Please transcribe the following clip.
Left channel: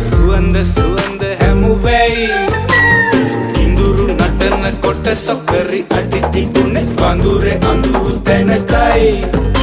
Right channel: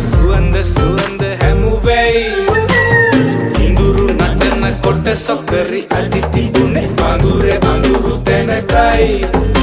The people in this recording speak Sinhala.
සුවඳ සුවඳ හැමුවෙයි ඉඳුරු නටන කොට සොකරි අඩි තිබුණේ වඳුරේ අඳුරු තැනකයි